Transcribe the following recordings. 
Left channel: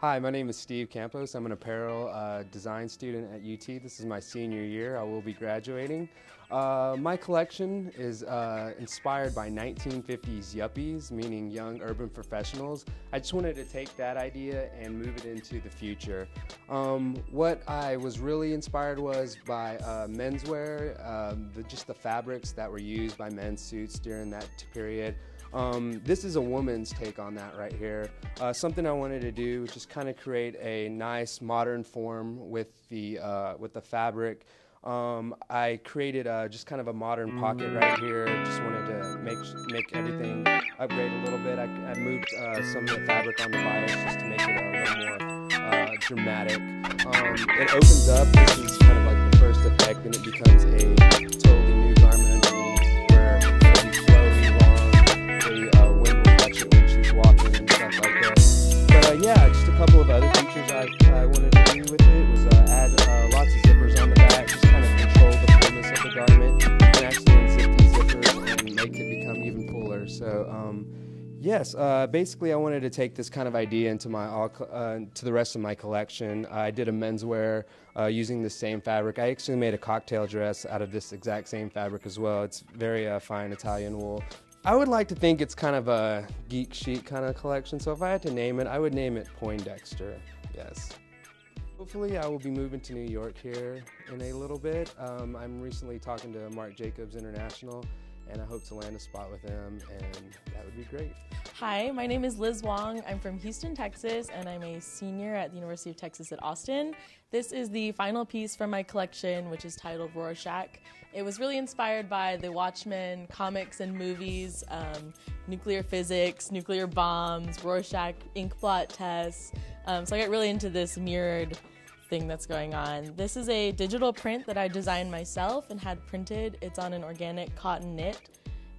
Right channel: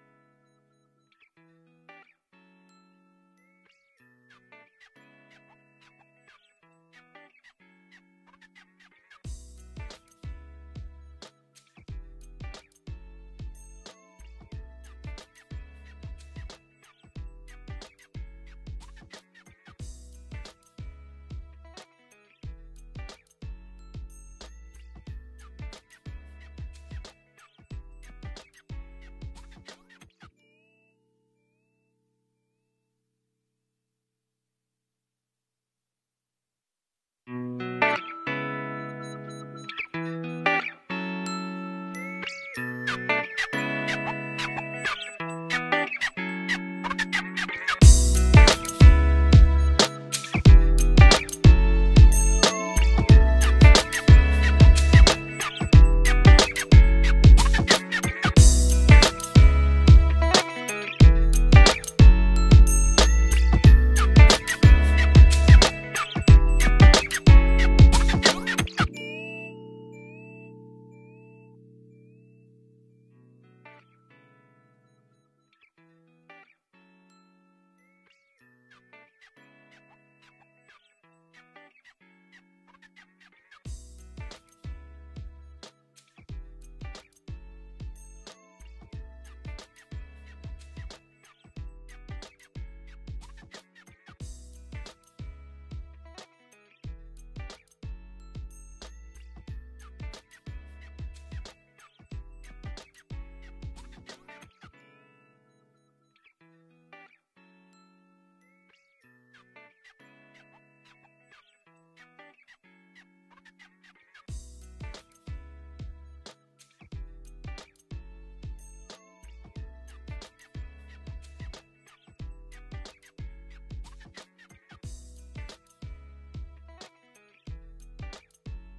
Hi, my name is Steve Campos. I'm an apparel design student at UT. This is my senior year. I will be graduating. My collection is inspired by 1950s yuppies, meaning young urban professionals. I just wanted to take that idea and move it into the future. What I was really inspired was by menswear, just the fabrics that were used by men's suits during that period. This is a woman's take on that right here. Something I wanted to do was just kind of create a nice modern form with the fabric. I created just kind of a modern pocket right here. Just wanted to make everything upgrade a little bit. I moved some of the fabric on the bottom just to make it a little more dramatic. It opens up, which is kind of like the first effect, and it becomes a totally new garment underneath where you flow when she's walking and stuff like that. But yeah, just a couple of other features I wanted to do with it was add lots of zippers on the back, just kind of control the fullness of the garment, and actually unzip these zippers and make it become even fuller. So yes, basically I wanted to take this kind of idea into to the rest of my collection. I did a menswear using the same fabric. I actually made a cocktail dress out of this exact same fabric as well. It's very fine Italian wool. I would like to think it's kind of a geek chic kind of collection, so if I had to name it, I would name it Poindexter, yes. Hopefully I will be moving to New York here in a little bit. I'm recently talking to Marc Jacobs International, and I hope to land a spot with them, and that would be great. Hi, my name is Liz Wong. I'm from Houston, Texas, and I'm a senior at the University of Texas at Austin. This is the final piece from my collection, which is titled Rorschach. It was really inspired by the Watchmen comics and movies, nuclear physics, nuclear bombs, Rorschach ink blot tests. So I got really into this mirrored thing that's going on. This is a digital print that I designed myself and had printed. It's on an organic cotton knit.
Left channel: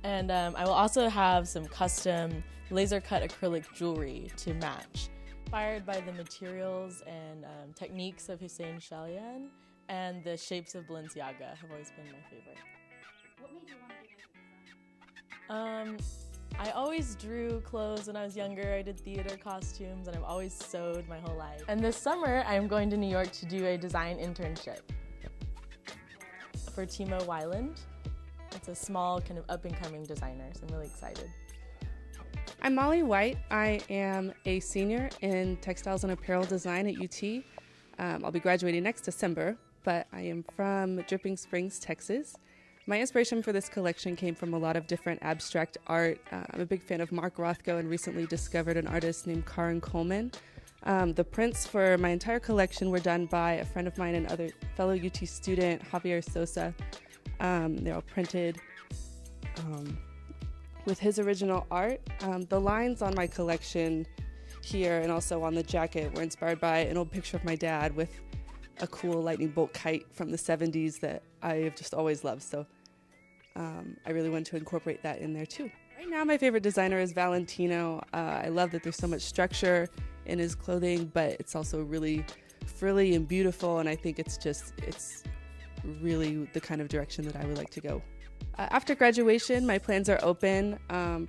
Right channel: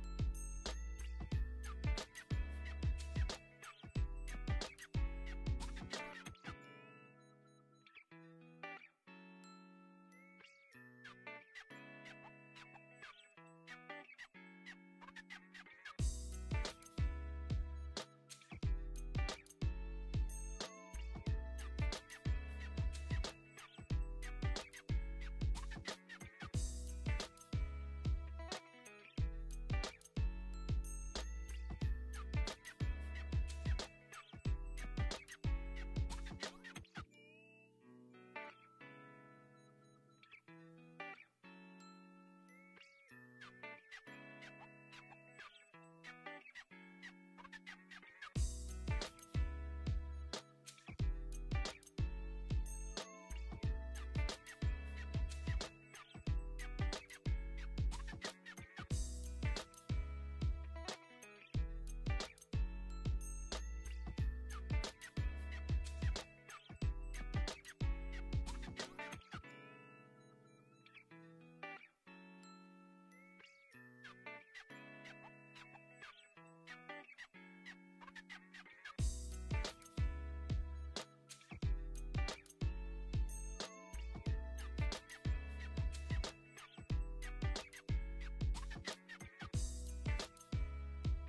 And I will also have some custom laser cut acrylic jewelry to match. Inspired by the materials and techniques of Hussein Chalian, and the shapes of Balenciaga have always been my favorite. What made you want to do design? I always drew clothes when I was younger. I did theater costumes, and I've always sewed my whole life. And this summer, I'm going to New York to do a design internship for Timo Weiland. It's a small, kind of up-and-coming designer, so I'm really excited. I'm Molly White. I am a senior in textiles and apparel design at UT. I'll be graduating next December, but I am from Dripping Springs, Texas. My inspiration for this collection came from a lot of different abstract art. I'm a big fan of Mark Rothko and recently discovered an artist named Karen Coleman. The prints for my entire collection were done by a friend of mine and other fellow UT student, Javier Sosa. They're all printed with his original art. The lines on my collection here and also on the jacket were inspired by an old picture of my dad with a cool lightning bolt kite from the 70s that I have just always loved. So I really wanted to incorporate that in there too. Right now my favorite designer is Valentino. I love that there's so much structure in his clothing, but it's also really frilly and beautiful, and I think it's really the kind of direction that I would like to go. After graduation, my plans are open.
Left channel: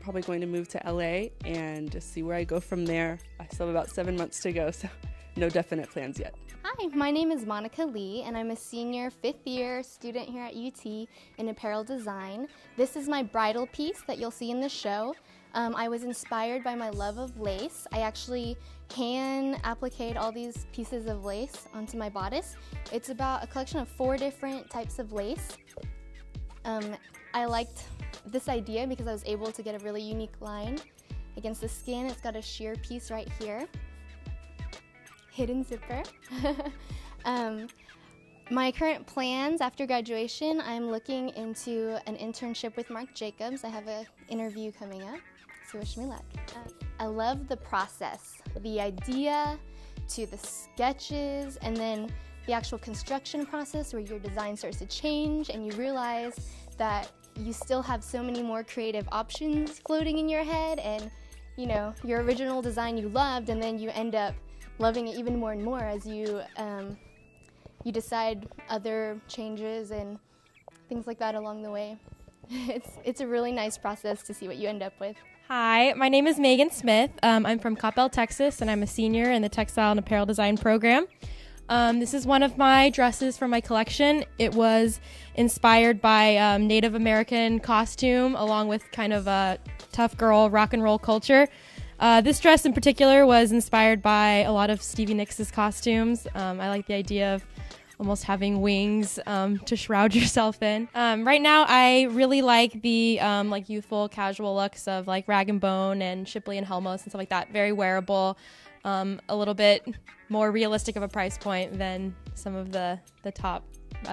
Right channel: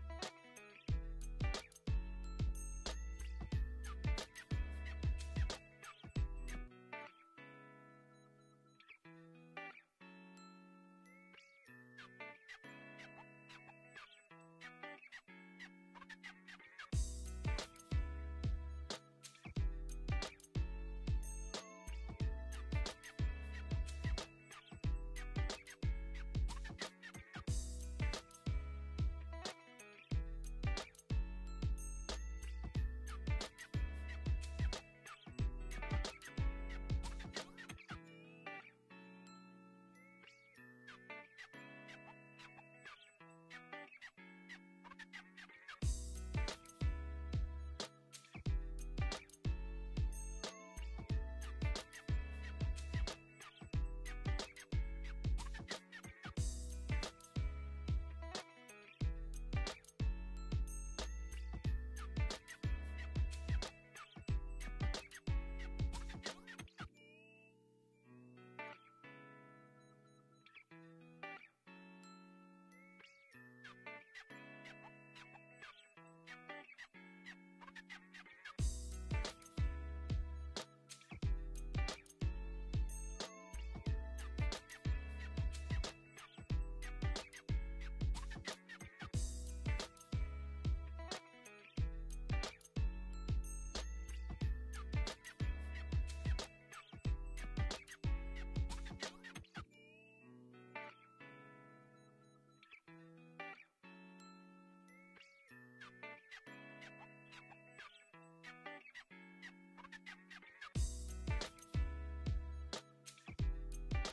Probably going to move to LA and just see where I go from there. I still have about 7 months to go, so no definite plans yet. Hi, my name is Monica Lee, and I'm a senior 5th year student here at UT in apparel design. This is my bridal piece that you'll see in the show. I was inspired by my love of lace. I actually hand appliqued all these pieces of lace onto my bodice. It's about a collection of 4 different types of lace. I liked this idea because I was able to get a really unique line against the skin. It's got a sheer piece right here. Hidden zipper. My current plans after graduation, I'm looking into an internship with Marc Jacobs. I have an interview coming up, so wish me luck. I love the process, the idea to the sketches, and then the actual construction process where your design starts to change and you realize that you still have so many more creative options floating in your head, and you know, your original design you loved, and then you end up loving it even more and more as you decide other changes and things like that along the way. It's a really nice process to see what you end up with. Hi, my name is Megan Smith. I'm from Coppell, Texas, and I'm a senior in the Textile and Apparel Design program. This is one of my dresses from my collection. It was inspired by Native American costume along with kind of a tough girl rock and roll culture. This dress in particular was inspired by a lot of Stevie Nicks' costumes. I like the idea of almost having wings to shroud yourself in. Right now, I really like the like youthful, casual looks of like Rag & Bone and Shipley and Helmos and stuff like that. Very wearable, a little bit more realistic of a price point than some of the top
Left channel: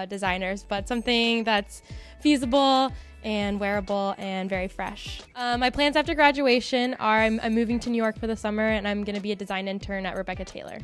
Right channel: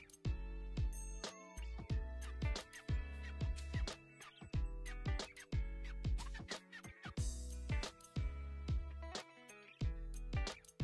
designers, but something that's feasible and wearable and very fresh. My plans after graduation are I'm moving to New York for the summer, and I'm going to be a design intern at Rebecca Taylor.